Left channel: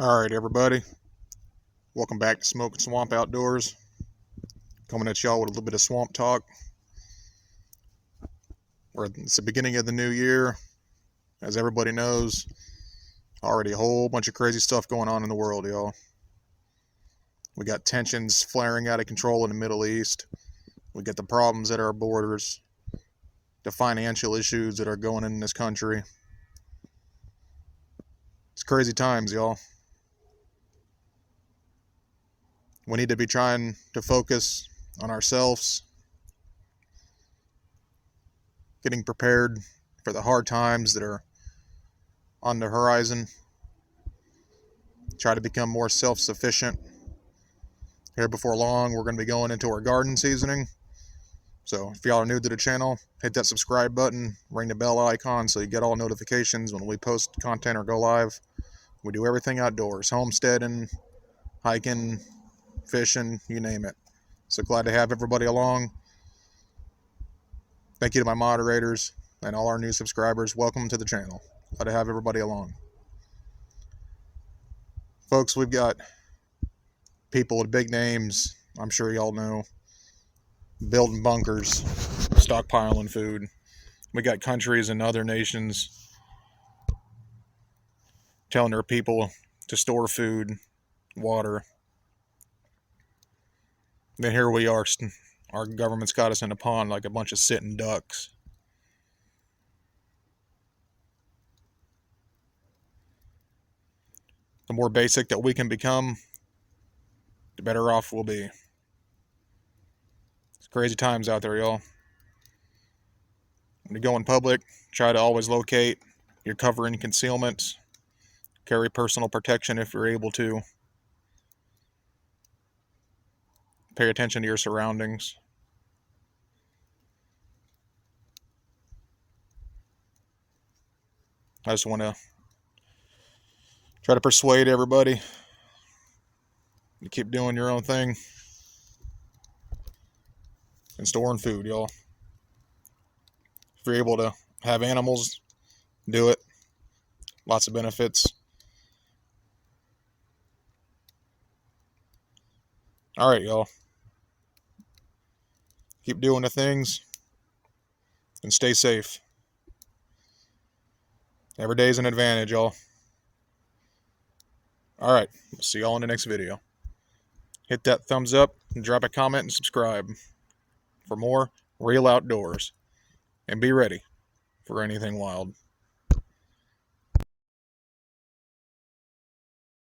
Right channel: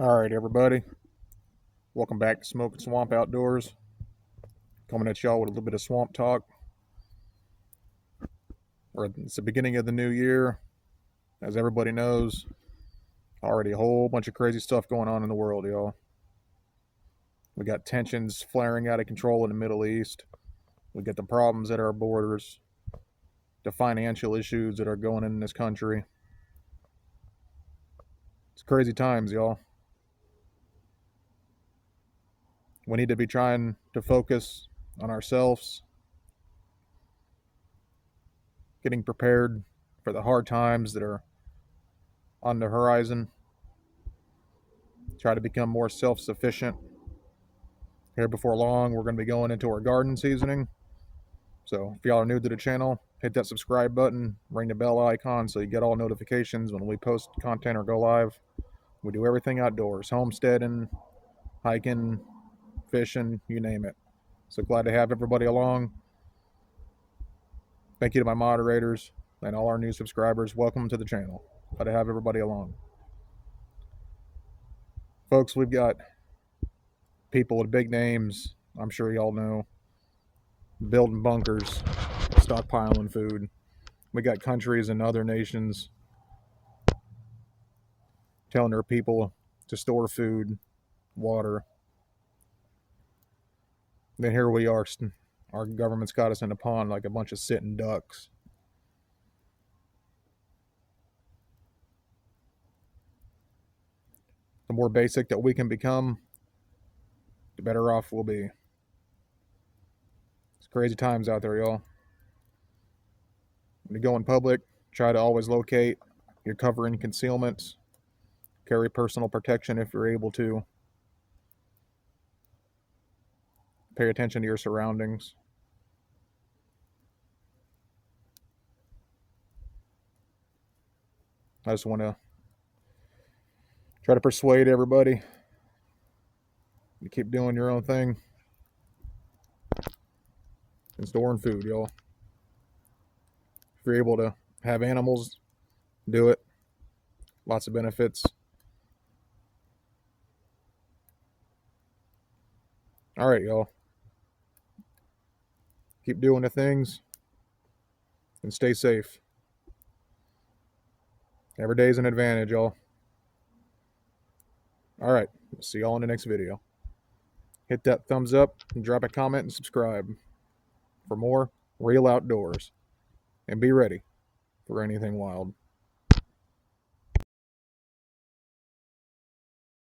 All right, everybody. Welcome back to Smoking Swamp Outdoors. Coming at y'all with a little bit of swamp talk. It's the beginning of the new year. As everybody knows, already a whole bunch of crazy stuff going on in the world, y'all. We got tensions flaring out of control in the Middle East. We got the problems at our borders. The financial issues that are going in this country. It's crazy times, y'all. We need to be trying to focus on ourselves, getting prepared for the hard times that are on the horizon. Try to become more self-sufficient. Here before long, we're going to be going into our garden seasoning. So if y'all are new to the channel, hit that subscribe button, ring the bell icon so you get all notifications when we post content or go live. We do everything outdoors, homesteading, hiking, fishing, you name it. So glad to have everybody along. Thank you to my moderators and all our new subscribers. Welcome to the channel. Glad to have everybody along. Folks, we've got people with big names, I'm sure y'all know, building bunkers, stockpiling food. We got countries and other nations telling their people to store food, water. Then here we are, our government's got us in a pond like a bunch of sitting ducks. The more basic that we can become, the better off we'll be. It's crazy times out there, y'all. When you go in public, try to always locate your cover and concealments. Carry personal protection if you're able to. Pay attention to your surroundings. I just want to try to persuade everybody to keep doing your own thing and storing food, y'all. If you're able to have animals, do it. Lots of benefits. All right, y'all. Keep doing the things and stay safe. Every day is an advantage, y'all. All right, we'll see y'all in the next video. Hit that thumbs up and drop a comment and subscribe for more real outdoors. And be ready for anything wild.